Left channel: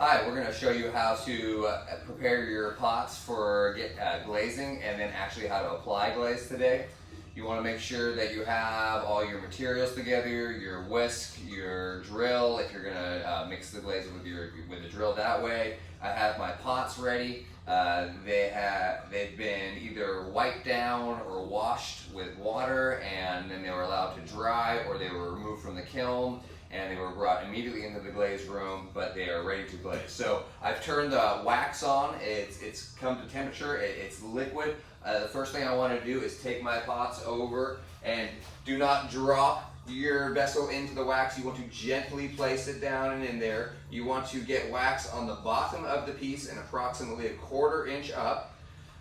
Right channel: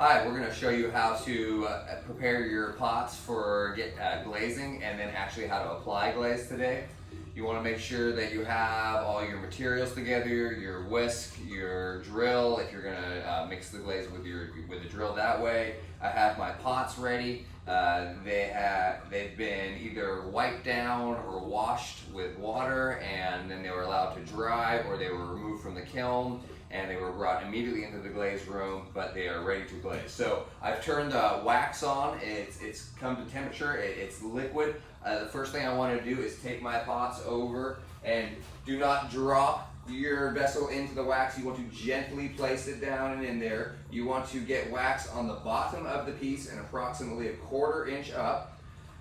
Hi, we're going to show you how to prepare your pots for glazing and then actually how to apply glaze today. You want to make sure that you have all your materials together, your whisk, your drill, if you're going to mix the glaze with the drill that way. I have my pots ready. They've been either wiped down or washed with water, and then they were allowed to dry, or they were removed from the kiln and they were brought immediately into the glaze room, but they are ready to glaze. So I've turned the wax on. It's come to temperature. It's liquid. The first thing I want to do is take my pots over, and do not drop your vessel into the wax. You want to gently place it down and in there. You want to get wax on the bottom of the piece and approximately 1/4 inch up.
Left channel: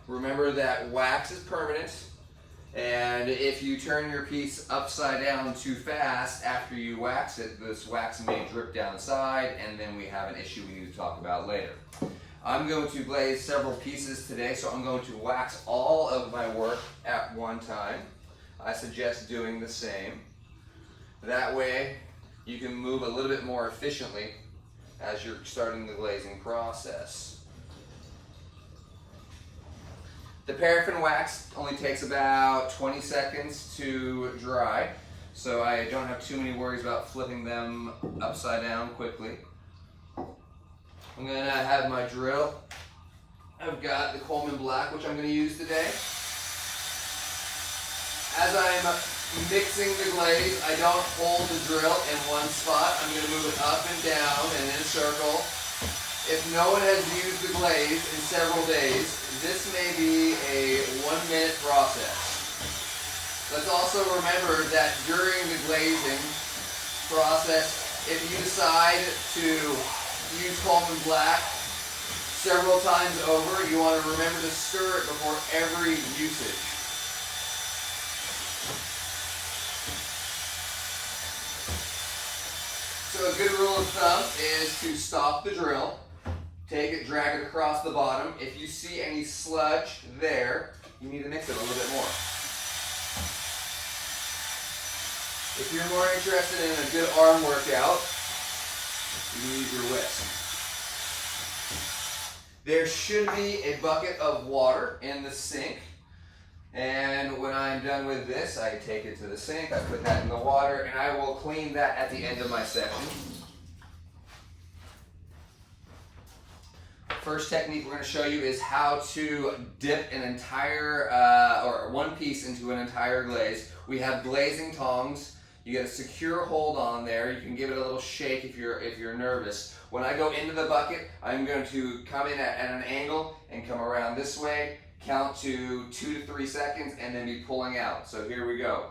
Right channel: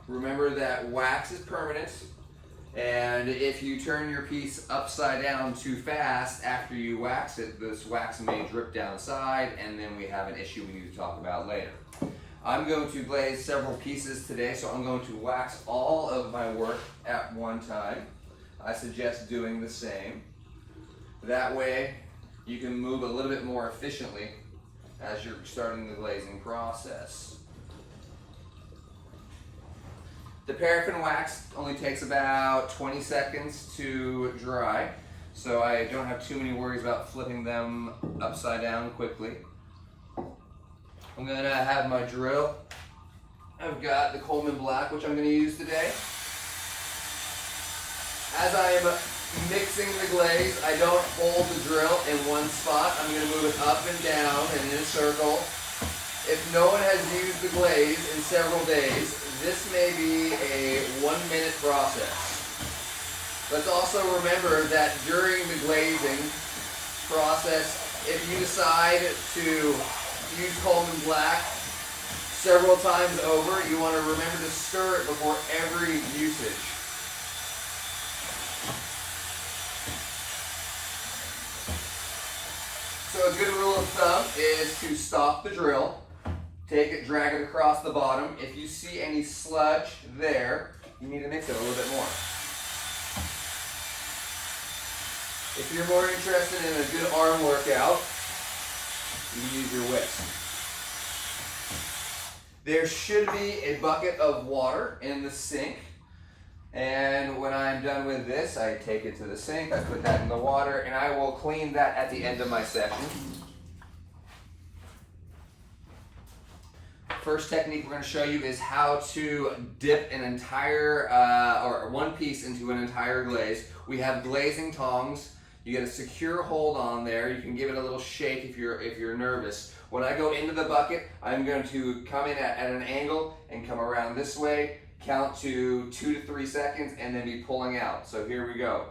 Remember that wax is permanent, and if you turn your piece upside down too fast after you wax it, this wax may drip down the side, and then we have an issue we need to talk about later. I'm going to glaze several pieces today, so I'm going to wax all of my work at one time. I suggest doing the same. That way you can move a little bit more efficiently as you're starting the glazing process. The paraffin wax only takes about 20 seconds to dry, so I don't have too many worries about flipping them upside down quickly. I'm going to have my drill. I've got the Coleman Black, which I'm going to use today. As I'm mixing the glaze, I don't hold the drill in one spot. I'm going to move it up and down and in a circle. If no one has used the glaze in several days, this may be a 1-minute process. Let's also remember that during the glazing process, if you decide to use Coleman Black several times over, you want to remember to stir it before every usage. So a good rule of thumb is to stop the drill, take it, drag it across the bottom. If you see any sludge there, you need to mix it a little bit more. If you're more interested in a good arm workout, you can use your whisk. There should be a bucket of water in the sink, and when I'm done with this, I take it to the sink, I put that in the water, and I will clean that at the end of my session. First technique we're going to show you is how to dip an entire or one piece into an entire glaze. We have glazing tongs. You get a secure hold on there. You can give it a little shake if you're nervous. When I go into the bucket, I'm going to come in at an angle and come around this way, count to 2 to 3 seconds, and then be pulling out. So here we go.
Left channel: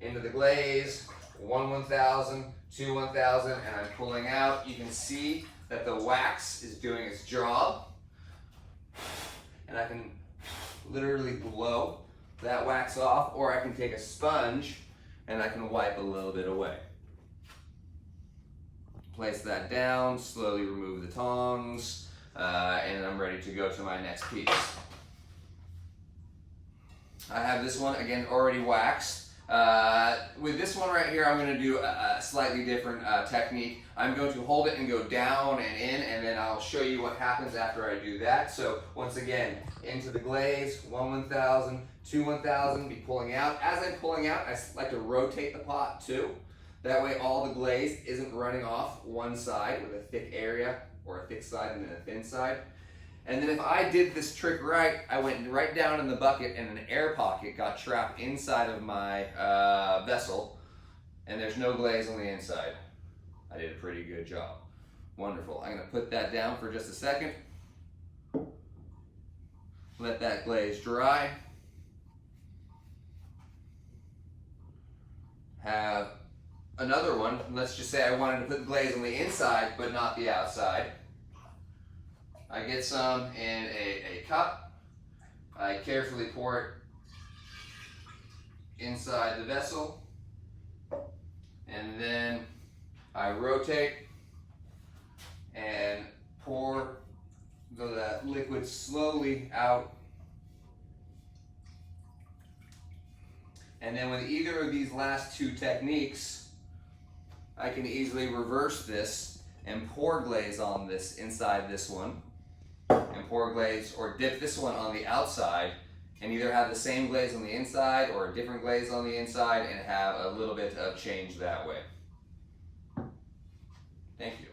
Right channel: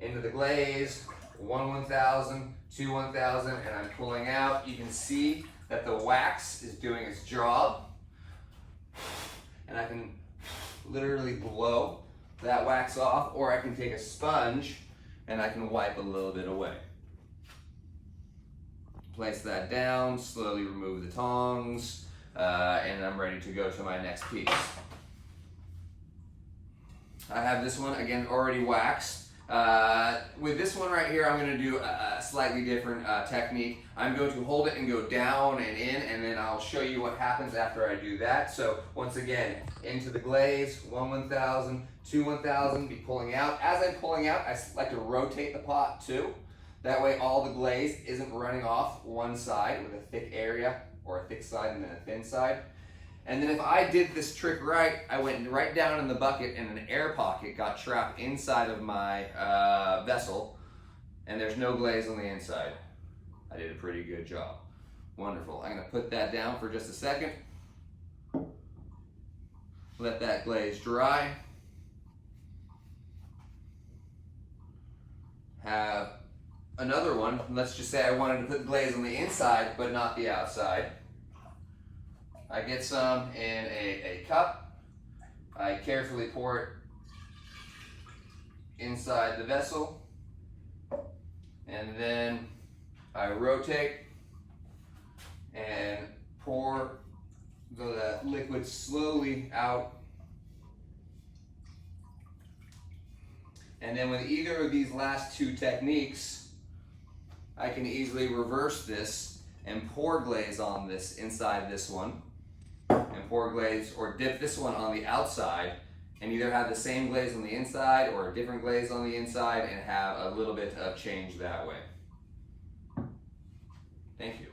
Into the glaze, 1/1000, 2/1000, and I'm pulling out. You can see that the wax is doing its job, and I can literally blow that wax off, or I can take a sponge and I can wipe a little bit away. Place that down, slowly remove the tongs, and I'm ready to go to my next piece. I have this one, again, already waxed. With this one right here, I'm going to do a slightly different technique. I'm going to hold it and go down and in, and then I'll show you what happens after I do that. So once again, into the glaze, 1/1000, 2/1000, be pulling out. As I'm pulling out, I like to rotate the pot too. That way all the glaze isn't running off one side with a thick area, or a thick side and then a thin side. And then if I did this trick right, I went right down in the bucket and an air pocket got trapped inside of my vessel, and there's no glaze on the inside. I did a pretty good job. Wonderful. I'm going to put that down for just a second. Let that glaze dry. Have another one. Let's just say I wanted to put glaze on the inside but not the outside. I get some in a cup. I carefully pour it inside the vessel, and then I rotate and pour the liquid slowly out. And then with either of these last two techniques, I can easily reverse this and pour glaze on this inside this one, and pour glaze or dip this one on the outside, and either have the same glaze on the inside or a different glaze on the inside and have a little bit of change that way. Thank you.